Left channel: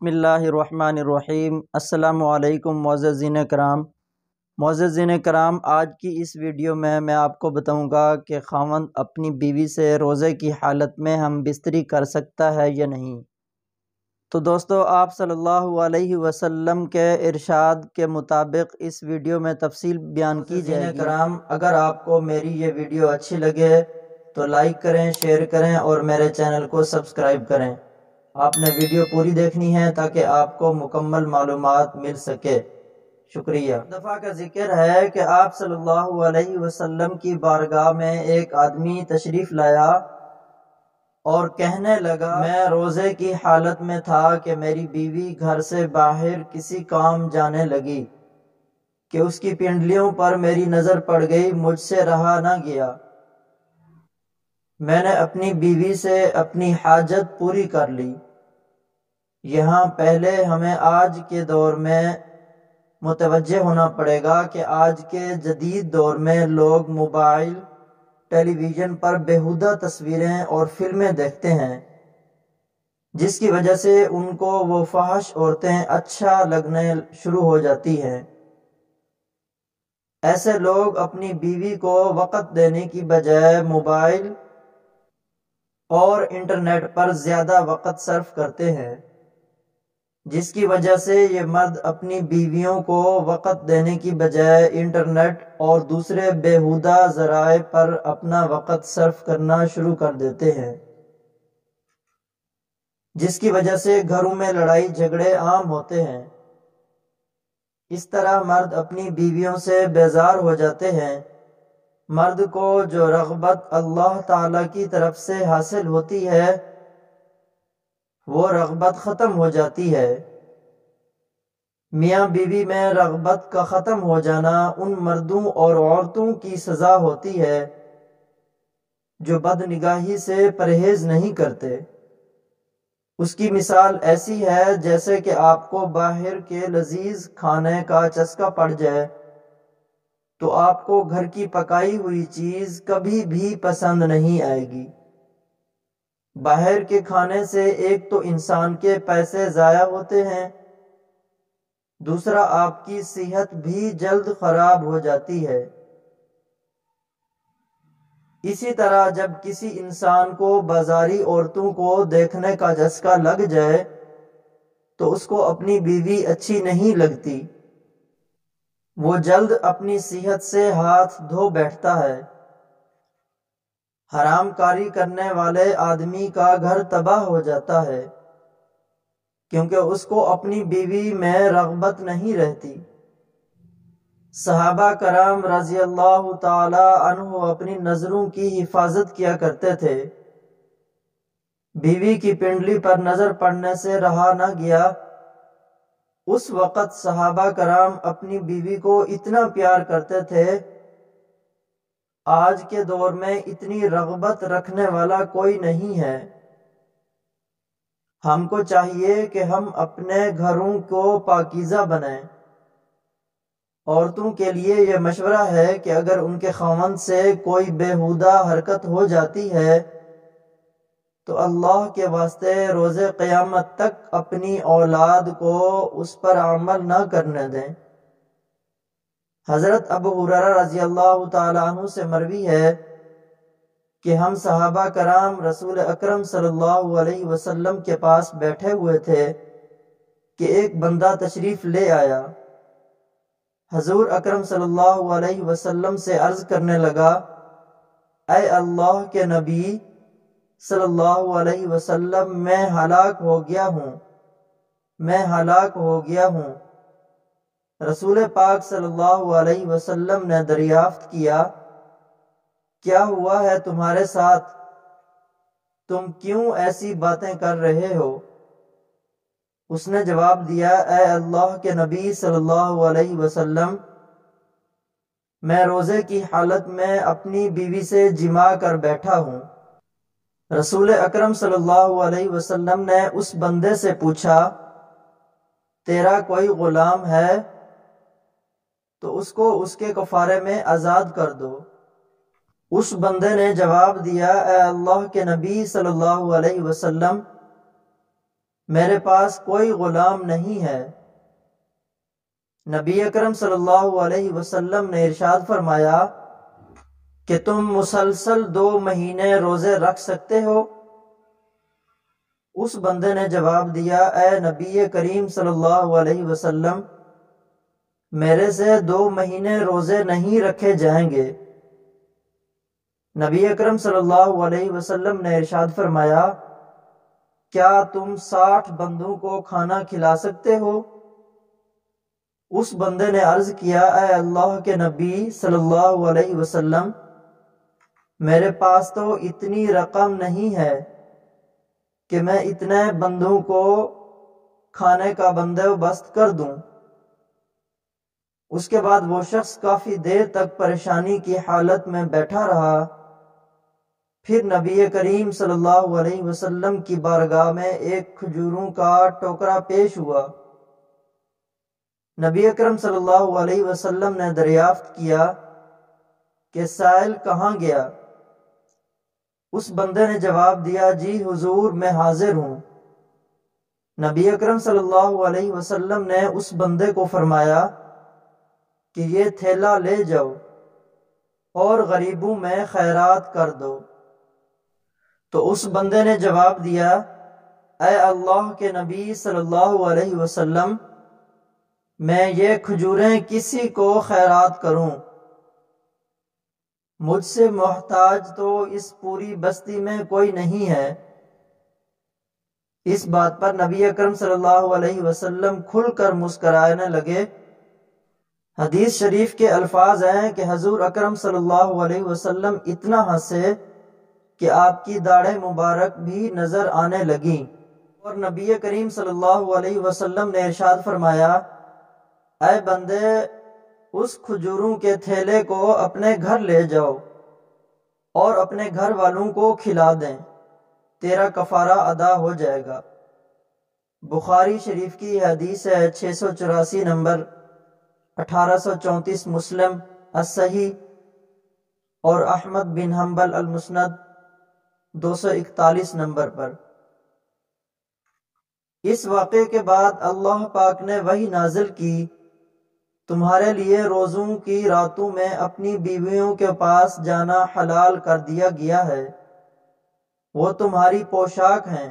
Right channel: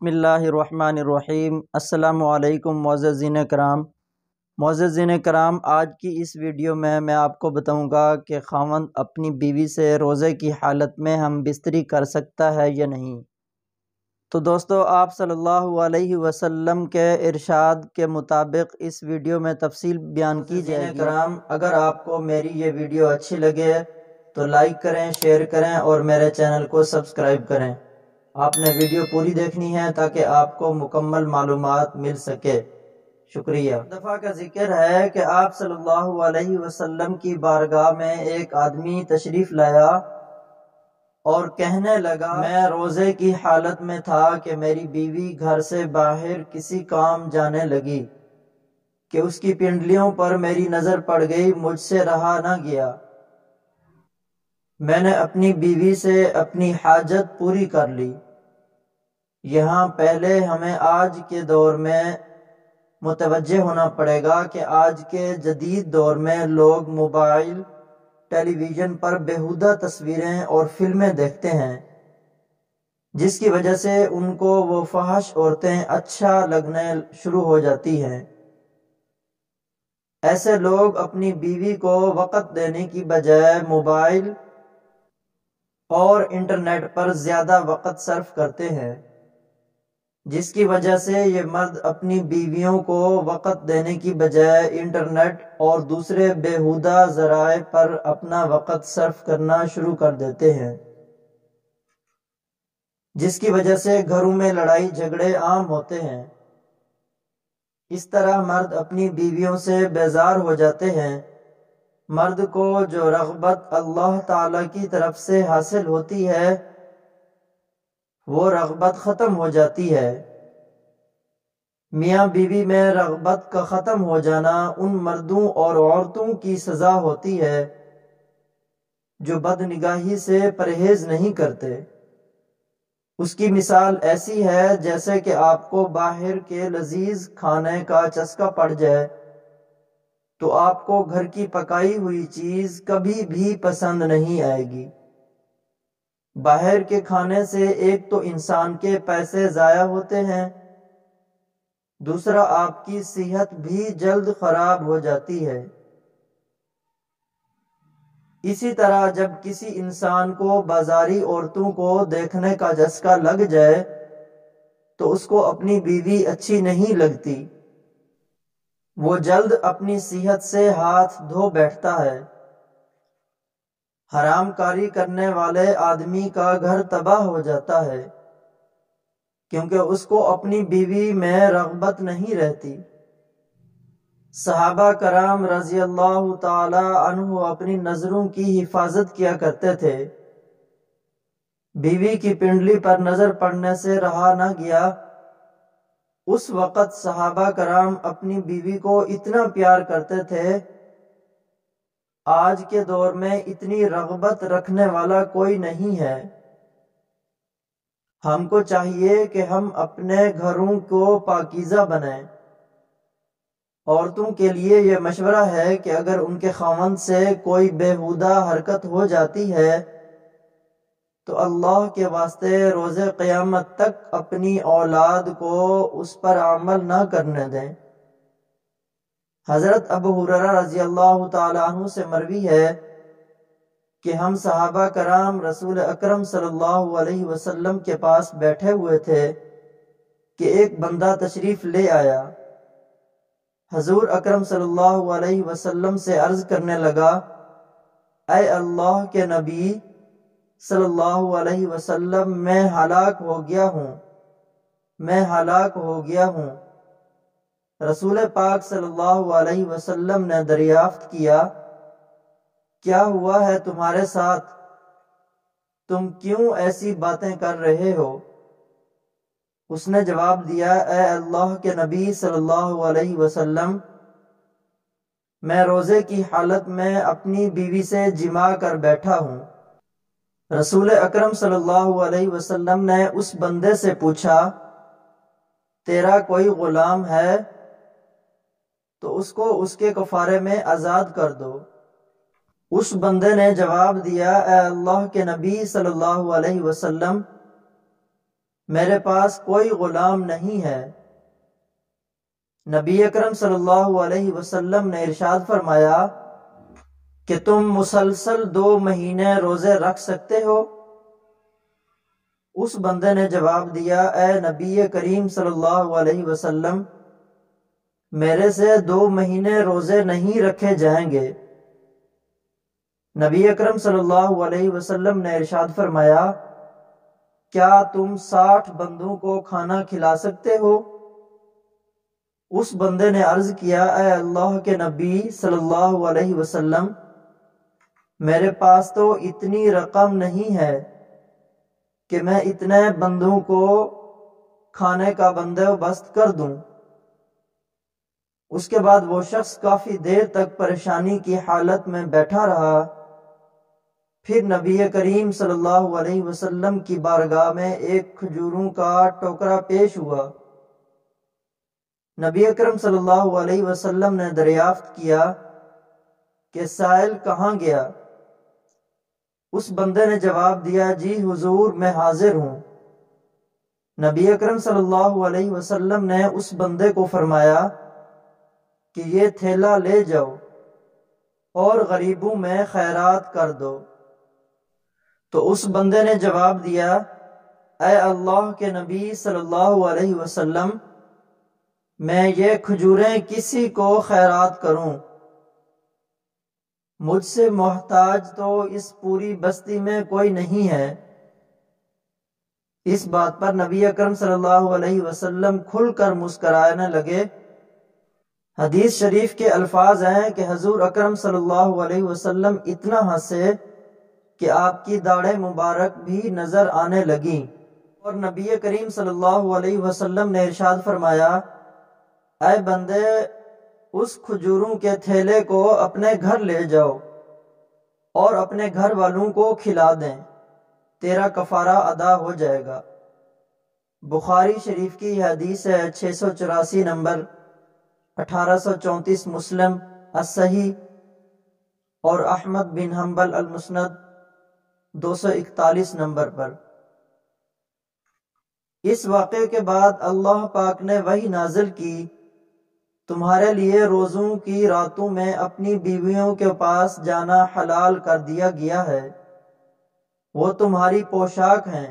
بسم اللہ الرحمن الرحیم۔ السلام علیکم معززین کرام، آج کی اس ویڈیو میں آپ کو بتاؤں گا کہ خاوند اپنی بیوی سے روزے کی حالت میں ہم بستری کر سکتا ہے یا نہیں۔ تو دوستو، آپ صلی اللہ علیہ وسلم کے ارشاد کے مطابق اس ویڈیو میں تفصیل بیان کی جائے گی۔ کرام، اگر آپ کو میری یہ ویڈیو اچھی لگے تو لائک کریں، شیئر کریں اور میرے چینل کو سبسکرائب کریں۔ آپ نے ویڈیو پوری دیکھنی ہے تاکہ آپ کو مکمل معلومات مل سکے۔ شکریہ۔ دفعہ کا ذکر ہے کہ آپ صلی اللہ علیہ وسلم کی بارگاہ میں ایک آدمی تشریف لایا اور کہنے لگا، میں روزے کی حالت میں تھا کہ میری بیوی گھر سے باہر کسی کام جانے لگی کہ اس کی پنڈلیوں پر میری نظر پڑ گئی، مجھ سے رہا نہ گیا۔ میں نے اپنی بیوی سے اپنی حاجت پوری کر لی۔ یہاں پہلے ہمیں آج کے دور میں متوجہ ہونا پڑے گا کہ آج کے جدید دور میں لوگ موبائل، ٹیلی ویژن پر بیہودہ تصویریں اور فلمیں دیکھتے ہیں، جس کی وجہ سے ان کو وہ فحش عورتیں اچھا لگنے شروع ہو جاتی ہیں۔ ایسے لوگ اپنی بیوی کو وقت دینے کی بجائے موبائل اور انٹرنیٹ پر زیادہ وقت صرف کرتے ہیں، جس کی وجہ سے یہ مرد اپنی بیویوں کو وقت دینے کی بجائے انٹرنیٹ اور دوسرے بیہودہ ذرائع پر اپنا وقت صرف کرنا شروع کر دیتے ہیں، جس کی وجہ سے گھروں میں لڑائی جھگڑے عام ہوتے ہیں۔ اس طرح مرد اپنی بیویوں سے بیزار ہو جاتے ہیں۔ مرد کو جو رغبت اللہ تعالی کی طرف سے حاصل ہوتی ہے، وہ رغبت ختم ہو جاتی ہے۔ میاں بیوی میں رغبت کا ختم ہو جانا ان مردوں اور عورتوں کی سزا ہوتی ہے جو بد نگاہی سے پرہیز نہیں کرتے۔ اس کی مثال ایسی ہے جیسے کہ آپ کو باہر کے لذیذ کھانے کا چسکا پڑ جائے تو آپ کو گھر کی پکائی ہوئی چیز کبھی بھی پسند نہیں آئے گی۔ باہر کے کھانے سے ایک تو انسان کے پیسے ضائع ہوتے ہیں، دوسرا آپ کی صحت بھی جلد خراب ہو جاتی ہے۔ اسی طرح جب کسی انسان کو بازاری عورتوں کو دیکھنے کا چسکا لگ جائے تو اس کو اپنی بیوی اچھی نہیں لگتی، وہ جلد اپنی صحت سے ہاتھ دھو بیٹھتا ہے۔ حرام کاری کرنے والے آدمی کا گھر تباہ ہو جاتا ہے، کیونکہ اس کو اپنی بیوی میں رغبت نہیں رہتی۔ صحابہ کرام رضی اللہ تعالی عنہ اپنی نظروں کی حفاظت کیا کرتے تھے۔ بیوی کی پنڈلی پر نظر پڑنے سے رہا نہ گیا۔ اس وقت صحابہ کرام اپنی بیوی کو اتنا پیار کرتے تھے، آج کے دور میں اتنی رغبت رکھنے والا کوئی نہیں ہے۔ ہم کو چاہیے کہ ہم اپنے گھروں کو پاکیزہ بنائیں۔ عورتوں کے لیے یہ مشورہ ہے کہ اگر ان کے خاوند سے کوئی بیہودہ حرکت ہو جاتی ہے تو اللہ کے واسطے روز قیامت تک اپنی اولاد کو اس پر عمل نہ کرنے دیں۔ حضرت ابو ہریرہ رضی اللہ تعالیٰ عنہ سے مروی ہے کہ ہم صحابہ کرام رسول اکرم صلی اللہ علیہ وسلم کے پاس بیٹھے ہوئے تھے کہ ایک بندہ تشریف لے آیا۔ حضور اکرم صلی اللہ علیہ وسلم سے عرض کرنے لگا، اے اللہ کے نبی صلی اللہ علیہ وسلم، میں ہلاک ہو گیا ہوں۔ رسول پاک صلی اللہ علیہ وسلم نے دریافت کیا، کیا ہوا ہے تمہارے ساتھ؟ تم کیوں ایسی باتیں کر رہے ہو؟ اس نے جواب دیا، اے اللہ کے نبی صلی اللہ علیہ وسلم، میں روزے کی حالت میں اپنی بیوی سے جماع کر بیٹھا ہوں۔ رسول اکرم صلی اللہ علیہ وسلم نے اس بندے سے پوچھا، تیرا کوئی غلام ہے تو اس کو اس کے کفارے میں آزاد کر دو۔ اس بندے نے جواب دیا، اے اللہ کے نبی صلی اللہ علیہ وسلم، میرے پاس کوئی غلام نہیں ہے۔ نبی اکرم صلی اللہ علیہ وسلم نے ارشاد فرمایا کہ تم مسلسل 2 مہینے روزے رکھ سکتے ہو؟ اس بندے نے جواب دیا، اے نبی کریم صلی اللہ علیہ وسلم، میرے سے 2 مہینے روزے نہیں رکھے جائیں گے۔ نبی اکرم صلی اللہ علیہ وسلم نے ارشاد فرمایا، کیا تم 60 بندوں کو کھانا کھلا سکتے ہو؟ اس بندے نے عرض کیا، اے اللہ کے نبی صلی اللہ علیہ وسلم، میرے پاس تو اتنی رقم نہیں ہے کہ میں اتنے بندوں کو کھانے کا بندوبست کر دوں۔ اس کے بعد وہ شخص کافی دیر تک پریشانی کی حالت میں بیٹھا رہا۔ پھر نبی کریم صلی اللہ علیہ وسلم کی بارگاہ میں ایک کھجوروں کا ٹوکرا پیش ہوا۔ نبی اکرم صلی اللہ علیہ وسلم نے دریافت کیا کہ سائل کہاں گیا؟ اس بندے نے جواب دیا، جی حضور میں حاضر ہوں۔ نبی اکرم صلی اللہ علیہ وسلم نے اس بندے کو فرمایا کہ یہ تھیلا لے جاؤ اور غریبوں میں خیرات کر دو۔ تو اس بندے نے جواب دیا، اے اللہ کے نبی صلی اللہ علیہ وسلم، میں یہ کھجوریں کسی کو خیرات کروں؟ مجھ سے محتاج تو اس پوری بستی میں کوئی نہیں ہے۔ اس بات پر نبی اکرم صلی اللہ علیہ وسلم کھل کر مسکرانے لگے۔ حدیث شریف کے الفاظ ہیں کہ حضور اکرم صلی اللہ علیہ وسلم اتنا ہنسے کہ آپ کی داڑھیں مبارک بھی نظر آنے لگیں، اور نبی کریم صلی اللہ علیہ وسلم نے ارشاد فرمایا، اے بندے، اس کھجوروں کے تھیلے کو اپنے گھر لے جاؤ اور اپنے گھر والوں کو کھلا دیں، تیرا کفارہ ادا ہو جائے گا۔ بخاری شریف کی حدیث ہے، 684 نمبر، 1834 مسلم الصحیح، اور احمد بن حنبل المسند 241 نمبر پر۔ اس واقعے کے بعد اللہ پاک نے وحی نازل کی، تمہارے لیے روزوں کی راتوں میں اپنی بیویوں کے پاس جانا حلال کر دیا گیا ہے۔ وہ تمہاری پوشاک ہیں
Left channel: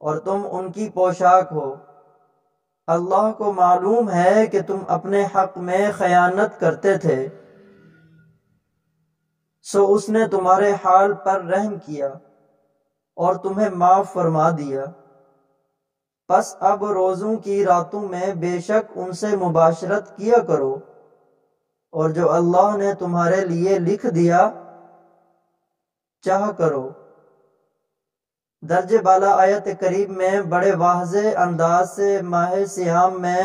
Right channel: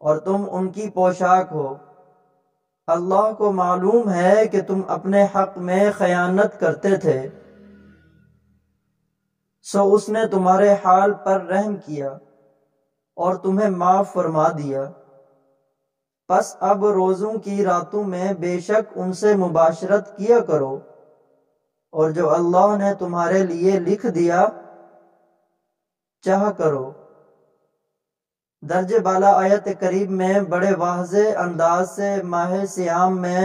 اور تم ان کی پوشاک ہو۔ اللہ کو معلوم ہے کہ تم اپنے حق میں خیانت کرتے تھے، سو اس نے تمہارے حال پر رحم کیا اور تمہیں معاف فرما دیا۔ پس اب روزوں کی راتوں میں بے شک ان سے مباشرت کیا کرو، اور جو اللہ نے تمہارے لیے لکھ دیا چاہ کرو۔ درجہ بالا آیت کریم میں بڑے واضح انداز سے ماہ صیام میں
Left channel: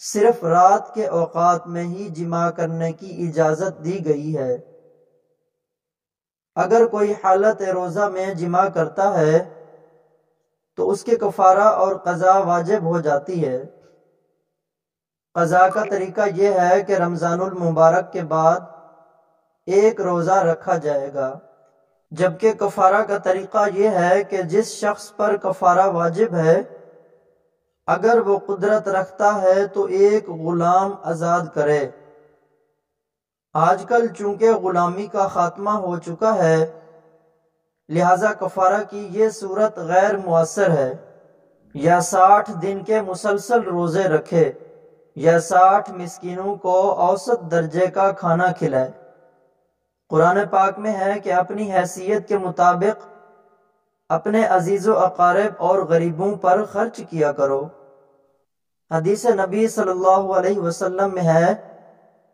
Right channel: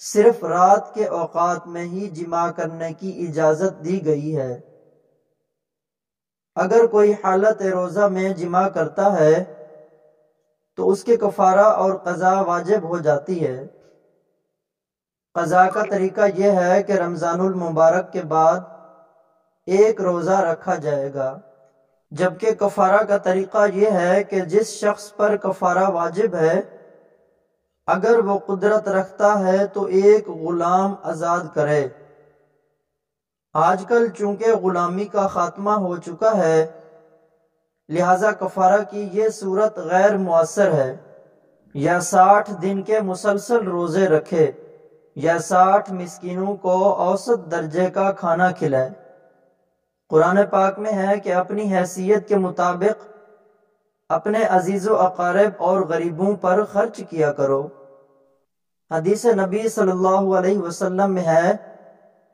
صرف رات کے اوقات میں ہی جماع کرنے کی اجازت دی گئی ہے۔ اگر کوئی حالت روزہ میں جماع کرتا ہے تو اس کے کفارہ اور قضا واجب ہو جاتی ہے۔ قضا کا طریقہ یہ ہے کہ رمضان المبارک کے بعد ایک روزہ رکھا جائے گا، جبکہ کفارہ کا طریقہ یہ ہے کہ جس شخص پر کفارہ واجب ہے، اگر وہ قدرت رکھتا ہے تو ایک غلام آزاد کرے۔ آج کل چونکہ غلامی کا خاتمہ ہو چکا ہے، لہذا کفارہ کی یہ صورت غیر مؤثر ہے۔ یا 60 دن کے مسلسل روزے رکھے یا 60 مسکینوں کو اوسط درجے کا کھانا کھلائے۔ قرآن پاک میں ہے کہ اپنی حیثیت کے مطابق اپنے عزیز و اقارب اور غریبوں پر خرچ کیا کرو۔ حدیث نبی صلی اللہ علیہ وسلم میں ہے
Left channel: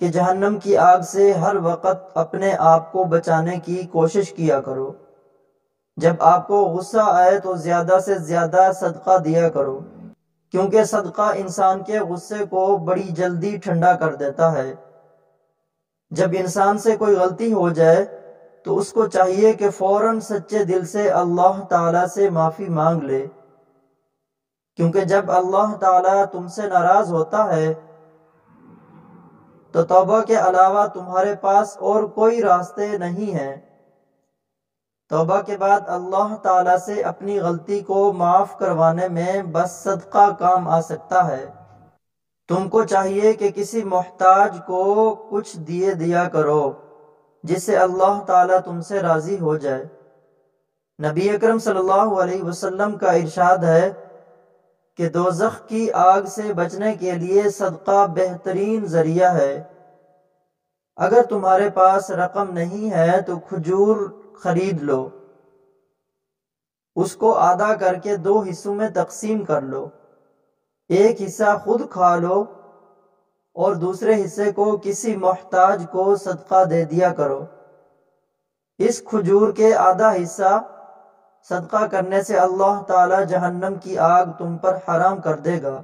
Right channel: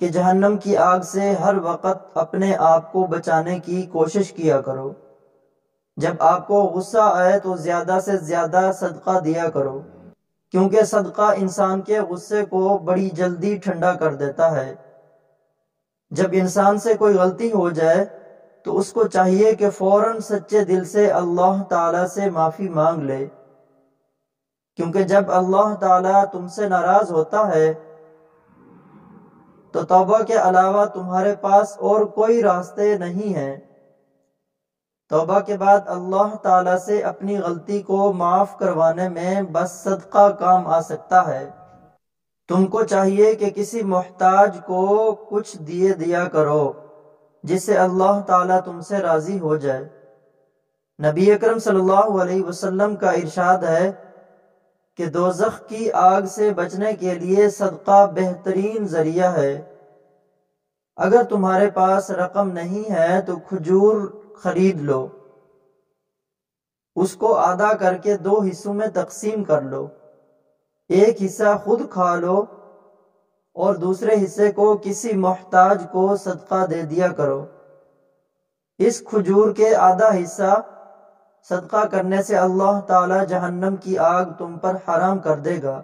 کہ جہنم کی آگ سے ہر وقت اپنے آپ کو بچانے کی کوشش کیا کرو۔ جب آپ کو غصہ آئے تو زیادہ سے زیادہ صدقہ دیا کرو، کیونکہ صدقہ انسان کے غصے کو بڑی جلدی ٹھنڈا کر دیتا ہے۔ جب انسان سے کوئی غلطی ہو جائے تو اس کو چاہیے کہ فوراً سچے دل سے اللہ تعالیٰ سے معافی مانگ لے، کیونکہ جب اللہ تعالیٰ تم سے ناراض ہوتا ہے تو توبہ کے علاوہ تمہارے پاس اور کوئی راستے نہیں ہیں۔ توبہ کے بعد اللہ تعالیٰ سے اپنی غلطی کو معاف کروانے میں بس صدقہ کام آ سکتا ہے۔ تم کو چاہیے کہ کسی محتاج کو کچھ دیا کرو جس سے اللہ تعالیٰ تم سے راضی ہو جائے۔ نبی اکرم صلی اللہ علیہ وسلم کا ارشاد ہے کہ دوزخ کی آگ سے بچنے کے لیے صدقہ بہترین ذریعہ ہے۔ اگر تمہارے پاس رقم نہیں ہے تو کھجور خرید لو، اس کو آدھا کر کے 2 حصوں میں تقسیم کر لو، ایک حصہ خود کھا لو اور دوسرے حصے کو کسی محتاج کو صدقہ دے دیا کرو۔ اس کھجور کے آدھا حصہ صدقہ کرنے سے اللہ تعالی جہنم کی آگ تم پر حرام کر دے گا۔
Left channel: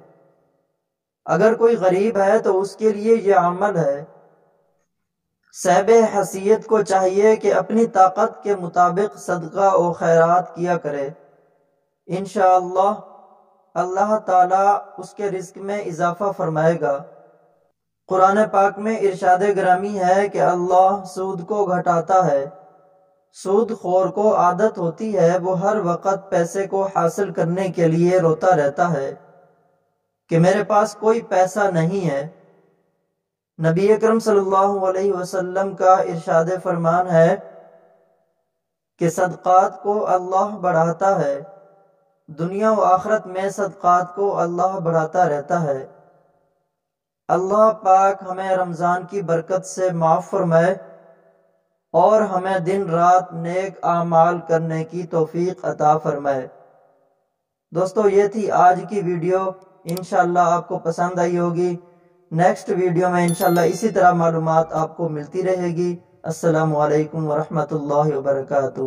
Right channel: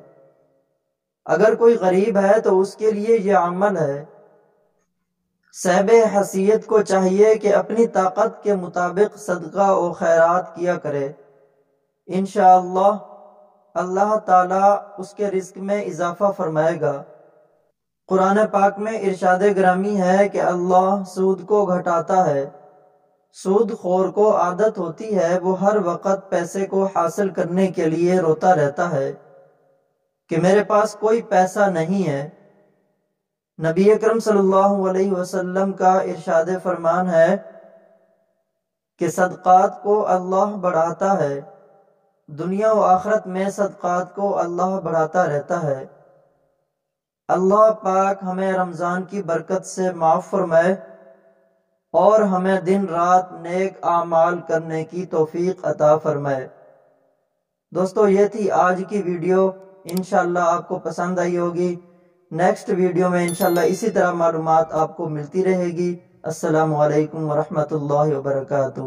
اگر کوئی غریب ہے تو اس کے لیے یہ عمل ہے۔ صاحب حیثیت کو چاہیے کہ اپنی طاقت کے مطابق صدقہ و خیرات کیا کرے، انشاءاللہ اللہ تعالیٰ اس کے رزق میں اضافہ فرمائے گا۔ قرآن پاک میں ارشاد گرامی ہے کہ اللہ سود کو گھٹاتا ہے۔ سود خور کو عادت ہوتی ہے، وہ ہر وقت پیسے کو حاصل کرنے کے لیے روتا رہتا ہے کہ میرے پاس کوئی پیسہ نہیں ہے۔ نبی اکرم صلی اللہ علیہ وسلم کا ارشاد فرمان ہے کہ صدقات کو اللہ بڑھاتا ہے، دنیا و آخرت میں صدقات کو اللہ بڑھاتا رہتا ہے۔ اللہ پاک ہمیں رمضان کی برکت سے معاف فرمائے اور ہمیں دن رات نیک اعمال کرنے کی توفیق عطا فرمائے۔ دوستو یہ تھی آج کی ویڈیو، انشاءاللہ آپ کو پسند آئی ہوگی۔ نیکسٹ ویڈیو میں انشاءاللہ اسی طرح معلومات آپ کو ملتی رہے گی۔ السلام علیکم ورحمۃ اللہ وبرکاتہ۔